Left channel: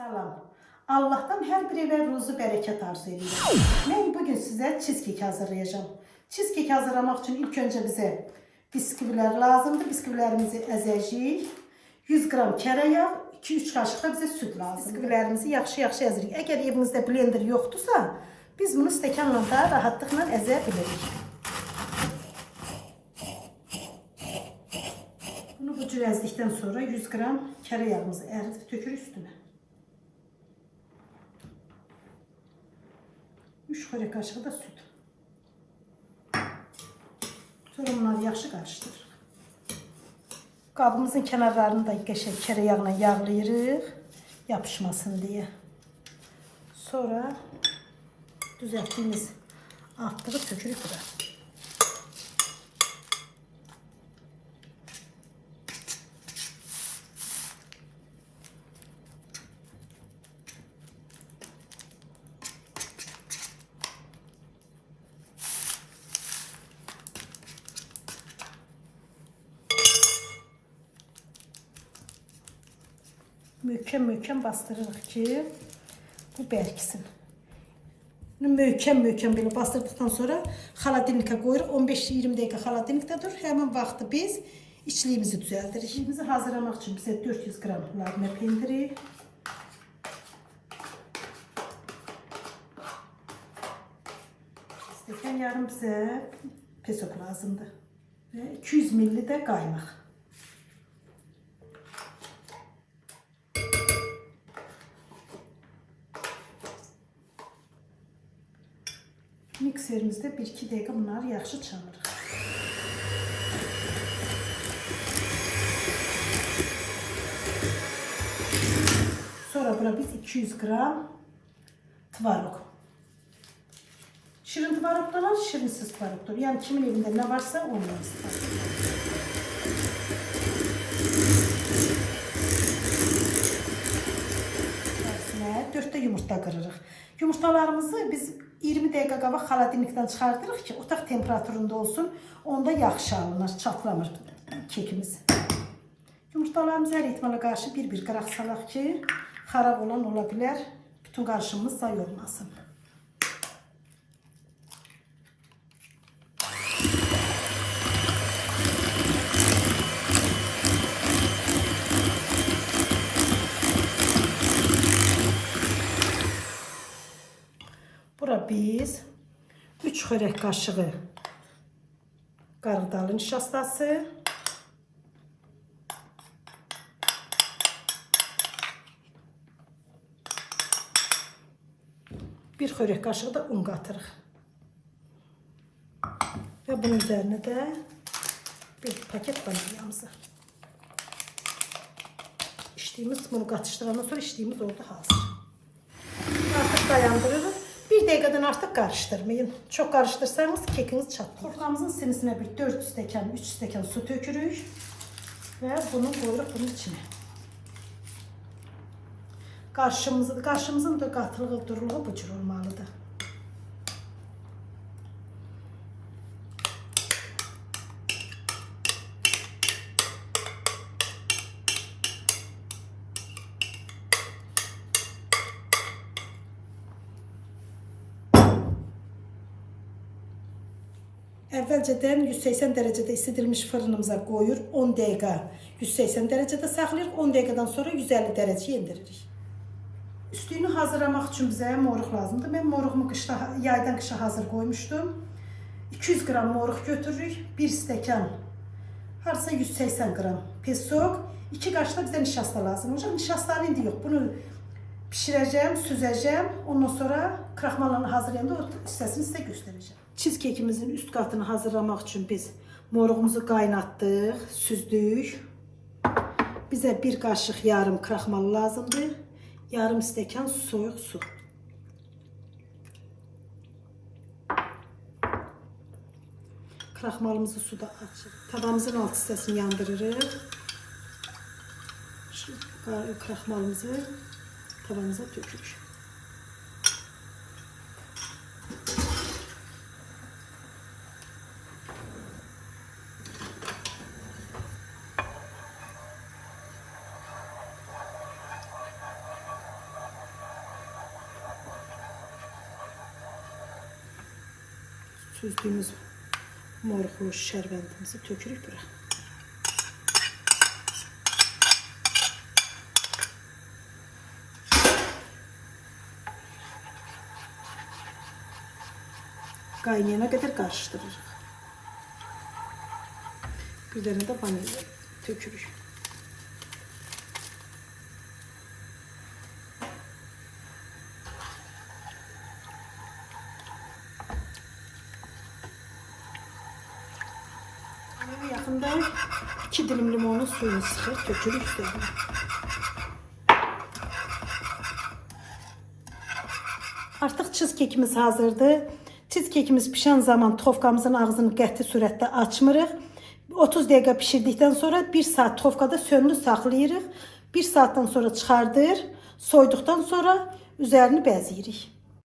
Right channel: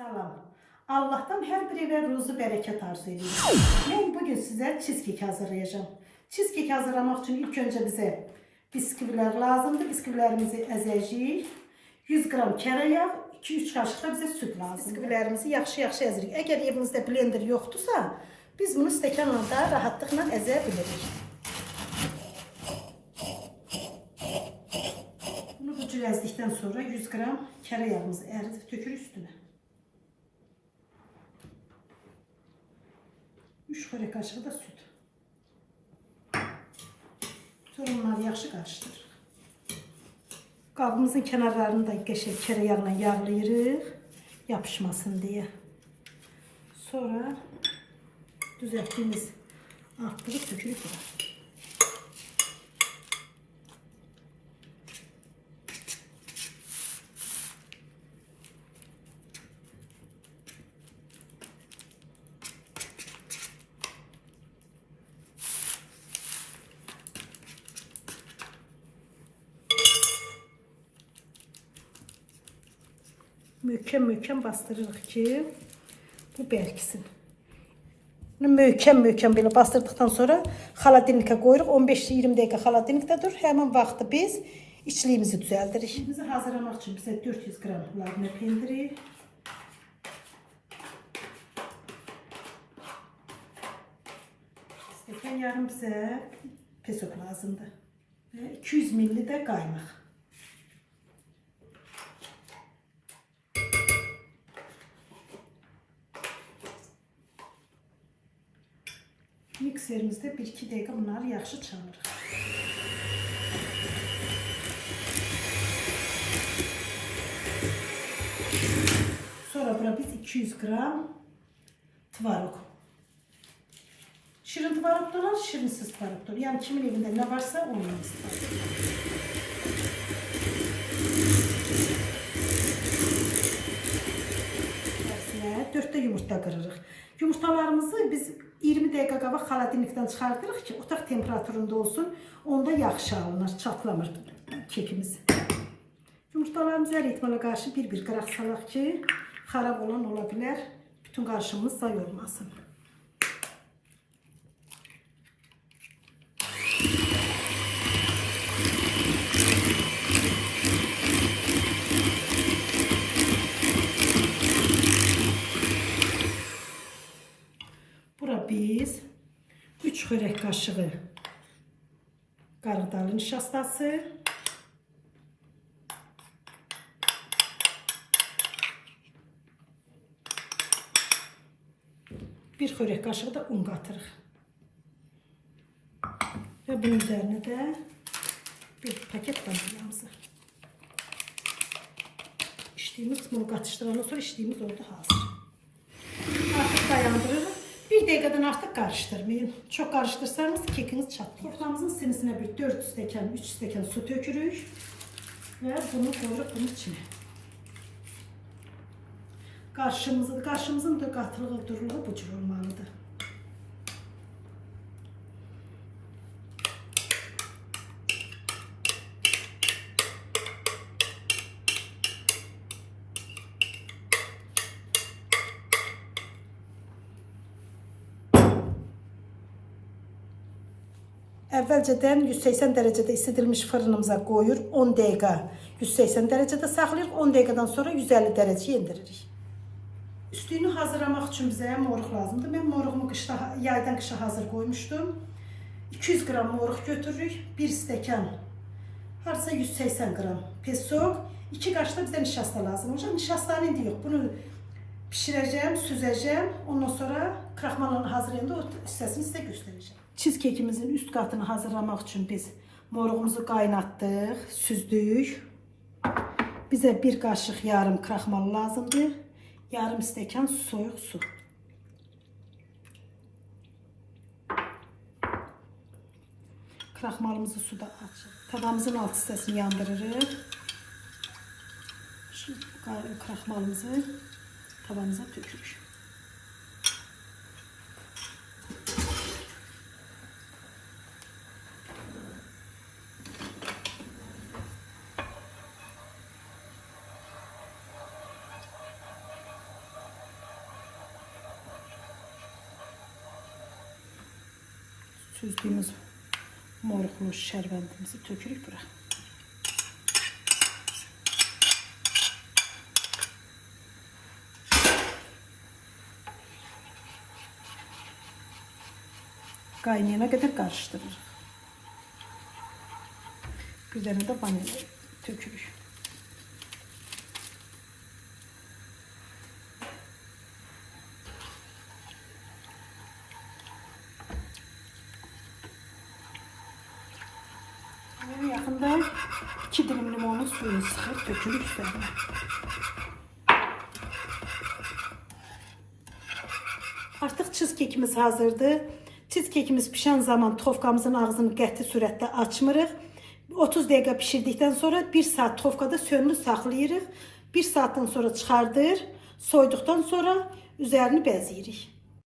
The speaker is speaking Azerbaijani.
Salam. Allah'tan her bir eve ruzu bereket arzu ediyorum. Ben bugün size cheesecake hazırlayacağım. Cheesecake hazırlamak için ilk önce bize bisküviler lazımdır. Bisküvilerimizi ezeceğiz. 100 gram tereyağı, 2-3 kaşık da bize süt lazım. Bisküvilerimizi yaxşı-yaxşı ezirik. Eğer evinizde blender yoktursa biz bunu stəkanla da rahatlıkla ezebiliriz. Bunu bu cür ezdikten sonra 100 gram tereyağımızı eridip dökürük üstüne. 3 xörək kaşığı da süt. Sonra bunları yaxşı karıştırırıq. Qabımızın kenarlarını da qəşəng tereyağla yağlayırıq, yapışmasın diye. Sonra düzəltdiyimiz artdığı tökürük bura. Möhkəm bastırırıq ki, bu bərkisin. Möhkəm belə bastırdıktan sonra xaladilnikə qoyuruq. 15-20 dəqiqə xaladilnikdə durur. Həmin vaxtı biz içliyimizi düzəldirik. İçliyimizi hazırlamaq üçün bizə 400 qram labnə pendiri, stəkan yarım bizə pesok lazımdır və 200 ml də qaymaq. Mikserimizde 1-2 dəqiqə bunları yaxşı çalırıq. Sonra bura biz 200 gram tvarog. Şirin tvarog da var, şirinsiz tvarog da var. Yani kimin evinde ne varsa onun istifadə. 4 yumurta qırırıq. Yumurtalarımızı biz 20 dəqiqə qabaq xaladilnikdən çıxardırıq ki, otaq temperaturunda olsun. Onda yaxşı alınır, çatlamır kekimiz. Yumurtalarımızı hər ehtimala qarşı bir-bir qıraq salaq ki, xarab olan ola bilər. Bütün qarışımımız zay olmasın. Bura biz 3 xörək kaşığı qarğıdalı nişastası, 1 xörək kaşığı da un qatırıq. Və bunun üzərinə də bir paket vanilyamızı. İçdiyimiz, bunu qatışdırandan sonra içdiyimiz oldu hazır. Artıq dayandırırıq. 1 dəqiqədən artıq qarışdırmayın. Çox qarışdırsanız kekiniz çatlar. Soframızın sinisine bir 4 stəkan, 3 stəkan su tökürük və bunu qoyuruq bunun içine. Qarışımızın da qatılığı, duruluğu bu cür olmalıdır. Əvvəlcədən 180 dərəcədə isidilmiş fırınımıza qoyur, 10 dəqiqə 180 dərəcədə saxlayır, 10 dəqiqədən sonra 150 dərəcəyə indiririk. Üstünü hazırlamaq üçün bizə moruq lazımdır. Mən moruğumu yaydan qışa hazır qoymuşdum. 200 qram moruq götürürük, 1 stəkan, harasa 180 qram pesok, 2 qaşıq da bizə nişasta lazım olacaq. Nişastanı indi yox, bunu pişirəcəm, süzəcəm, ondan sonra kraxmallarını hazırlayanda o hissəsini sizə göstərəcəm. Cheesecake-imizin üst qatını hazırlamaq üçün biz moruğumuzu qaynatdıq, süzdük. Bizə 1 qaşıq yarım kraxmal lazımdır. Yarım stəkan soyuq su. Kraxmalımızı suda açıq. Tavamızın alt hissəsini yandırırıq. Şu kraxmalımızı tavamıza tökürük. Süzdüğümüz moluklu şerbetimizi tökürük bura. Qaynayana kadar karıştırırıq. Bir tane de vanilya tökürük. Yaxında 2 dilim limonun suyunu sıxır, tökürük üzerine. Artıq cheesecake-imiz hazırdır. Cheesecake-imiz pişən zaman tofkamızın ağzını qəti sürətdə açmırıq. 30 dəqiqə pişirdikdən sonra 1 saat tofkada sönülü saxlayırıq. 1 saatdan sonra çıxardır. Soyduqdan sonra üzerini bəzəyirik.